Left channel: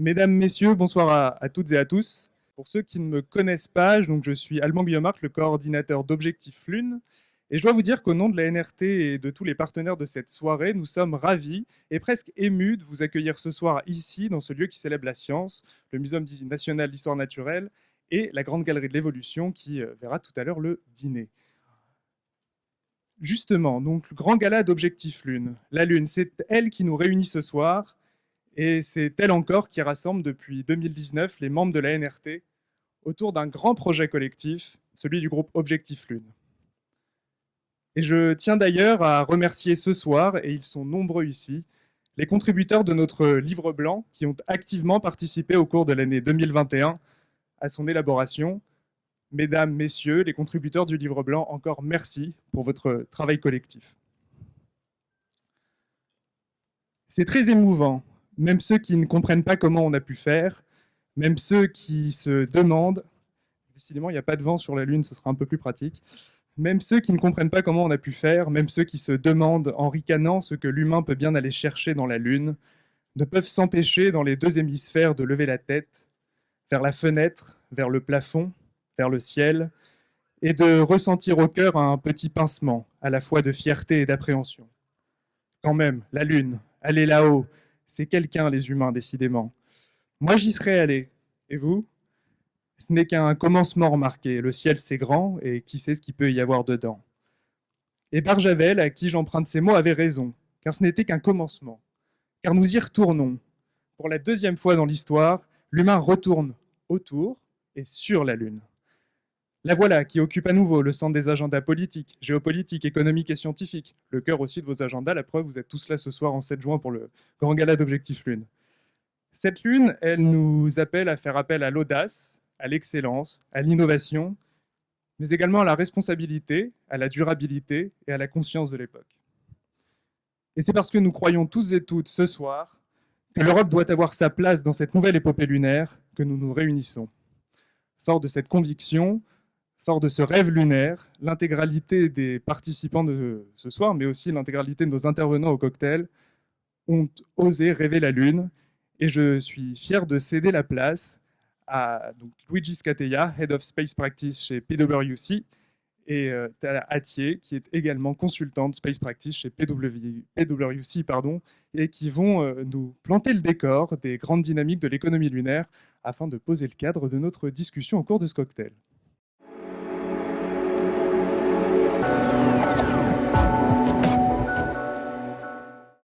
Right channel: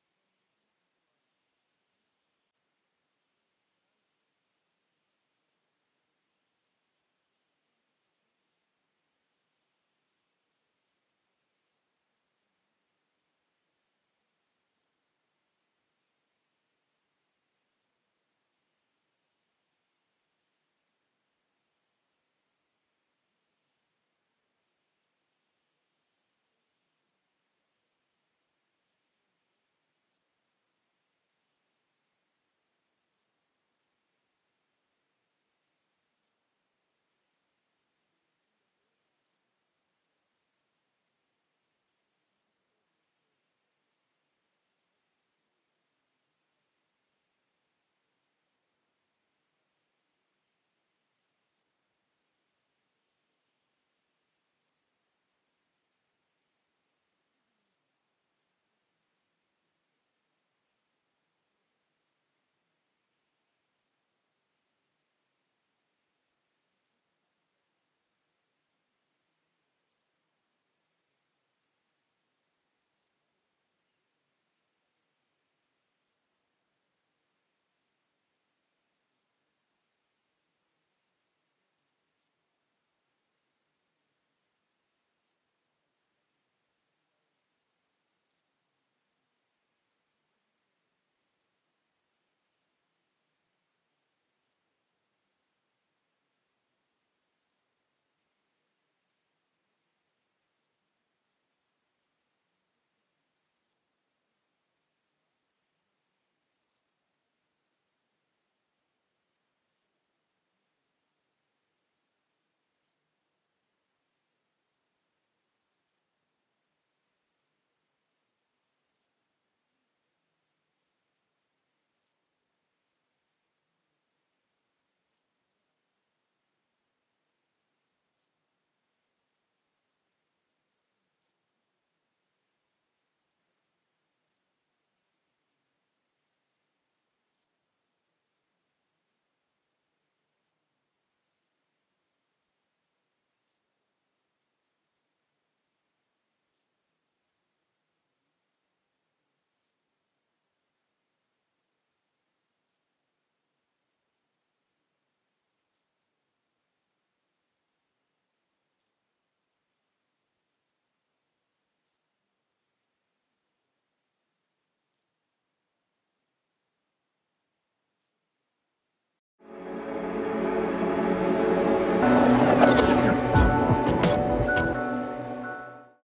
Mesdames, Messieurs, bonsoir à toutes et à tous. Pour ceux qui ne me connaissent pas, donc je suis Alban Guillemart, le coordinateur d'Objectif Lune. Et je dois vous dire qu'au nom de la NRT et de tous les partenaires de cette soirée, nous sommes ravis et presque émus de vous accueillir ce soir ici, dans ce lieu qui célèbre la science, le Muséum national d'histoire naturelle et la Grande Galerie de l'Évolution qui verra tout à l'heure le dîner. Justement, donc le grand gala d'Objectif Lune. La Lune, c'est elle qui nous réunit ce soir. Et c'est elle encore qui rassemble depuis 2019 les membres de la NRT autour d'un grand projet collectif, celui du groupe Objectif Lune. Et je tiens d'ailleurs à remercier ce soir, et ils sont nombreux ici, les contributeurs de notre livre blanc qui ont activement participé au cours de l'année 2021 à son élaboration. Mesdames, Messieurs, les contributeurs du livre blanc, encore merci pour votre travail collectif. C'est très émouvant, même ceux qui ne comprennent pas comment on a pu faire, même ceux qui se demandent, décidément il n'y a pas de vent sur la Lune, ce sera un peu plus pratique, même ceux qui ne comprennent pas comment on a pu faire, même ceux qui se demandent en ricanant ce que l'humain peut bien aller chercher dans la Lune, ne peuvent s'empêcher dans les deux hémisphères de lever la tête vers la fenêtre, vers le plafond, vers le ciel, et de ressentir au cœur un petit pincement, à la fois de fierté et d'appréhension. Quand même, la Lune, aller là-haut, c'est quelqu'un, les humains, décidément. Moi, j'y serais allé. Et vous? Ce n'est qu'un commencement remarqué. Le ciel, c'est grand, et qui sait ce qu'il peut y avoir dedans. Et Barjavel, à qui j'emprunte ces mots, avait raison, car ce n'était qu'un commencement. Car nous y retournons. Pour la deuxième fois dans l'histoire, l'humain retourne autour et sur la Lune. La voilà qui occupe à nouveau le centre des agendas politiques, géopolitiques, économiques et scientifiques. Le cœur aussi de vos agendas, la preuve, vous êtes tous là ce soir en 7 juin pour le grand gala d'Objectif Lune. Cette Lune, elle nous appelle à faire appel à l'audace, à l'excellence, à l'innovation, mais également à la responsabilité, à la durabilité et à la conscience de l'époque. Et c'est parce que nous croyons tous et toutes ce soir que l'Europe doit avoir sa place dans cette nouvelle épopée lunaire que nous nous réunissons. Fort de cette conviction, fort de ce rêve lunaire, l'intégralité des participants de ce soir, mais aussi l'intégralité de nos intervenants au cocktail, ont osé rêver la Lune. Et je suis fier de céder la place à donc, Luigi Scatella, Head of Space Practice chez PwC, et Tala Atier, qui est également consultante Space Practice chez PwC, et qui vont nous planter le décor des grandes dynamiques de l'économie lunaire afin de poser le cadre de notre discussion au cours de ce cocktail.